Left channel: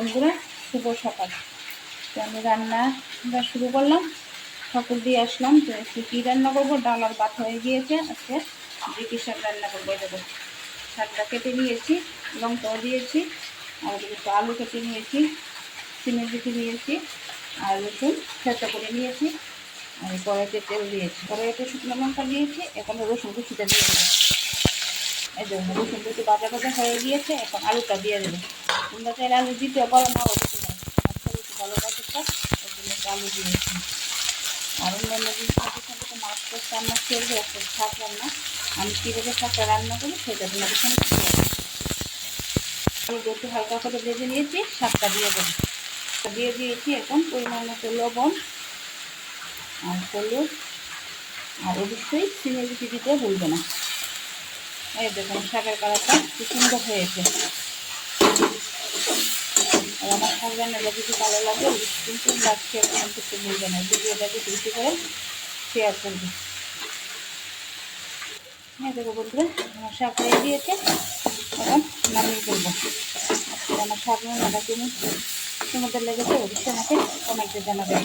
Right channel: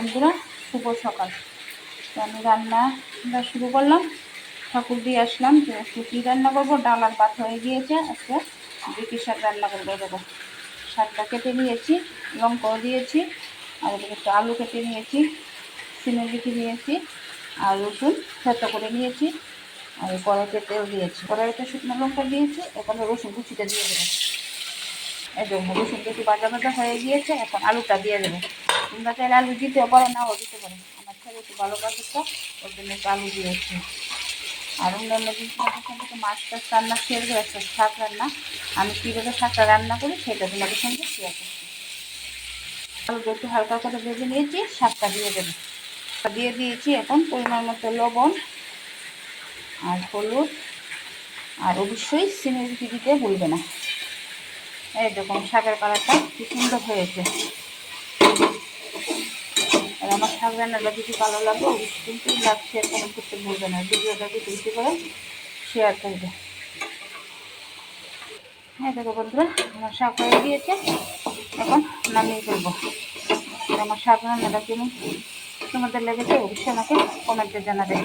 বন্ধুরা, শুভ সকাল। তো আমি রান্নাটা শুরু করলাম, ঠাকুর দিয়ে আসলাম। তো একটু কী রান্না করবো, ডাল আর ভাত হয়ে গিয়েছে। আজকে বিকি শাক রান্না করবো। দেবো শাকটা কেটে নিয়েছি, লং করে দিয়েছি, আর একটু আলু কেটে নিয়েছি, সিমের বিচি নিয়েছি, আর রসুন থেতো করে নিয়েছি, আর কড়াইতে তেল দিয়েছি, কড়াইতে শুকনো লঙ্কা দিয়েছি। এখন রসুন কুচিটা দিয়ে দেবো। এই দেখো রসুন কুচি ভাজা ভাজা হয়ে গিয়েছে। এখন আলুটা দিয়ে দেবো। তোমরা চাইলে আলু দিতেও পারো, নাও দিতে পারো। আমার ছেলে একটু ভালো বাজুটা, ওর জন্য একটু আলু দিয়েছি। আর অন্যান্য জিনিসপত্রের সঙ্গে তো মাছ টাছ রান্না শেয়ার হয়ে আসছে, শাক রান্না। আমি কীভাবে শাকটা রান্না করি সেটা তোমাদের সঙ্গে শেয়ার করছি। আলুটা একটু হালকা করে ভেজে নিয়েছি, শাকটা দিয়ে দেবো। দিয়ে দিয়েছি। এখন পরিমাণ মতো লবণ আর হলুদ, আর অবশ্যই সিমের বিচি দিতে ভুলবে না। এই দেখুন শাকের কালারটা খুব সুন্দর হয়েছে। আর আমার শাক রান্নাটা যদি ভালো লাগে অবশ্যই কিন্তু লাইক শেয়ার কমেন্ট করতে ভুলবে না। ভিডিওটা বেশি বেশি করে শেয়ার করবে। হ্যাঁ দেখো বন্ধুরা, আমার শাক হয়ে গিয়েছে। এখন নামিয়ে ফেলবো। আমার শাক রান্নাটা কেমন তোমাদের লেগেছে অবশ্যই আমাকে কমেন্টে জানাবে।